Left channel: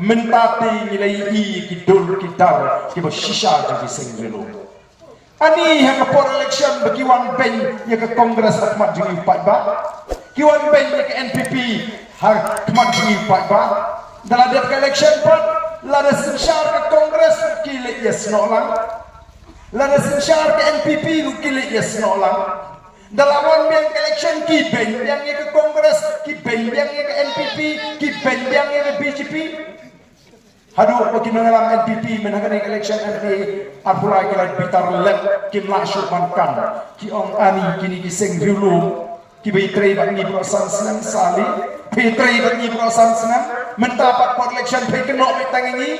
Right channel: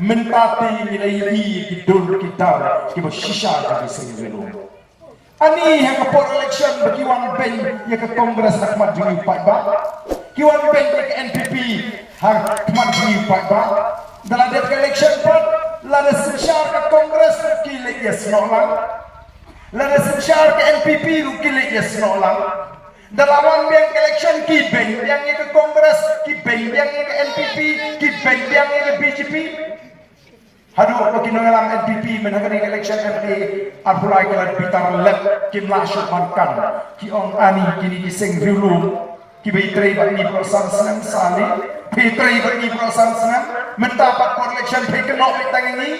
mentati nilai kidul kitar kibo shisha jadi singelo ani ha kapor election bagi wan bank ya ke kongres hakmat jui paiba kiwan bank ya ke NPP hakmat jui paiba dalam dia election pat lada sishar ke kongres kile ya snolang lada sishar ke NPP kile ya snolang dalam wan bank election ki bank yang ke kongres ki bank yang ke NPP ki bank yang ke BJP. Hadu bagi dalam NPP menangani election MPA apulai kila bitar let kim la syuman kan ki ong ani kini kiseng dulu ki betray bagi perusahaan senam sali betray bagi perusahaan senam mendapat for election pekenok bitang ini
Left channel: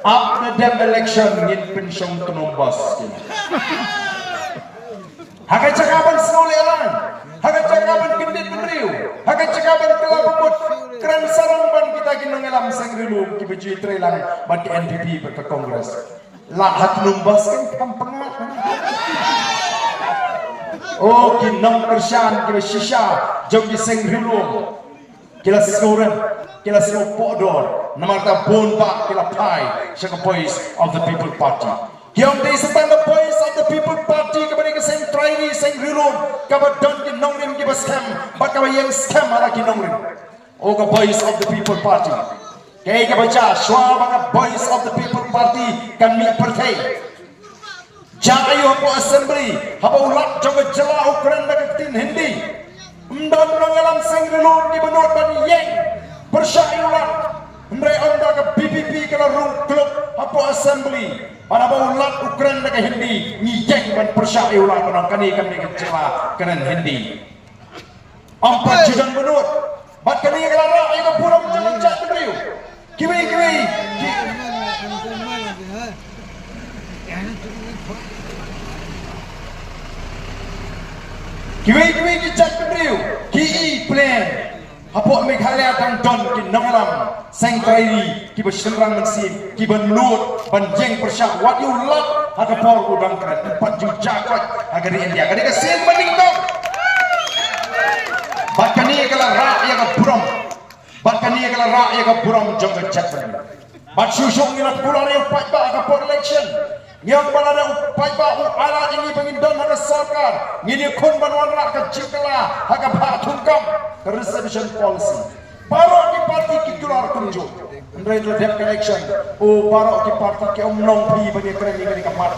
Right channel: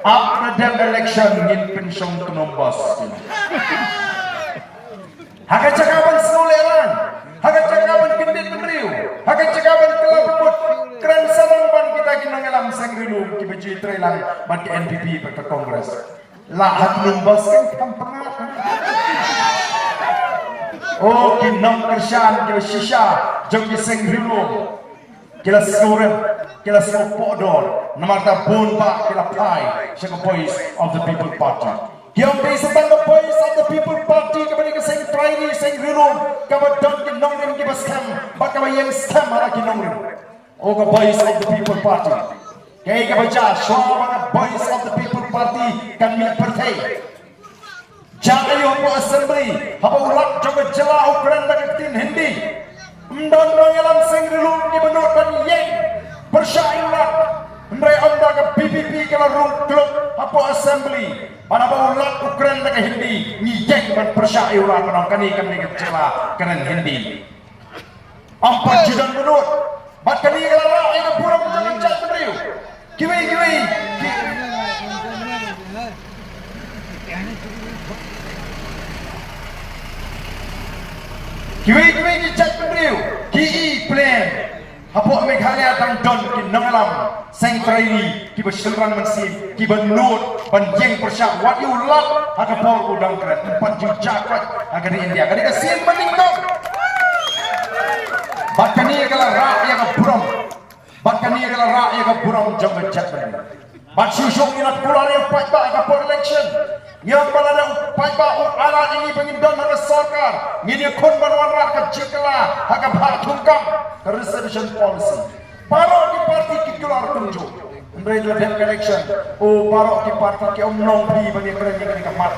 after the election ngin pensiun kenombos hakai cakapan senolelang hakai cakapan kendit meneriu hakai cakapan telah pembut keren sarang ban kita ginong alam sangrilu ki beji trailang ban ke NPP ke kongres la hat numbas kan kampengat oh ginong kerjaan ki shisha jong di sangrilu kila sikoren kila sikopodor namarta bon ba kila pai shaka boys of the people party Yang dari setang the voice of the people party kepada ke sing traini sing rilum kabar don ki nongrim ki basam bak kabar yang scam ala ki nongrim oh the voice of the people party kay ka baca shwa bang voice of the people party kan mi partai jayo po assembly haba ulak jogo jela ukuran dak tin hindi mdon ngalam sing rilum ni benot ban yang persyayulat Mendai anda ke PPP kalau room club apa assembly pada ulat Ukraine ke Hindi ngijeng dan persyak ulat menangkani kami kecewa keren Hindi 4 juta menut bat kani kelara yang purang jangan cak beriu kiwi cak beriu ki plan Hapok Meghalaya tang don ki nongalam sang traini ki berserang mensin ki benut banjeng persyak wat ulat haka pol udang keren 4 juta kot agar di India kadi kesin bening dong bakani kala ra ya ka buram bakani kala ra ya ka buram jong jat ben bat susung ina pular yang pajba ka for election yang balada pajba ala ini pengindon haka sarkar ngini kun banwarna ka jikala haka bhatungkam reservation policy parok di parti ki keluar tunjuk mereka election oh parok di parti ki om nong pri bagi keren ini ka mat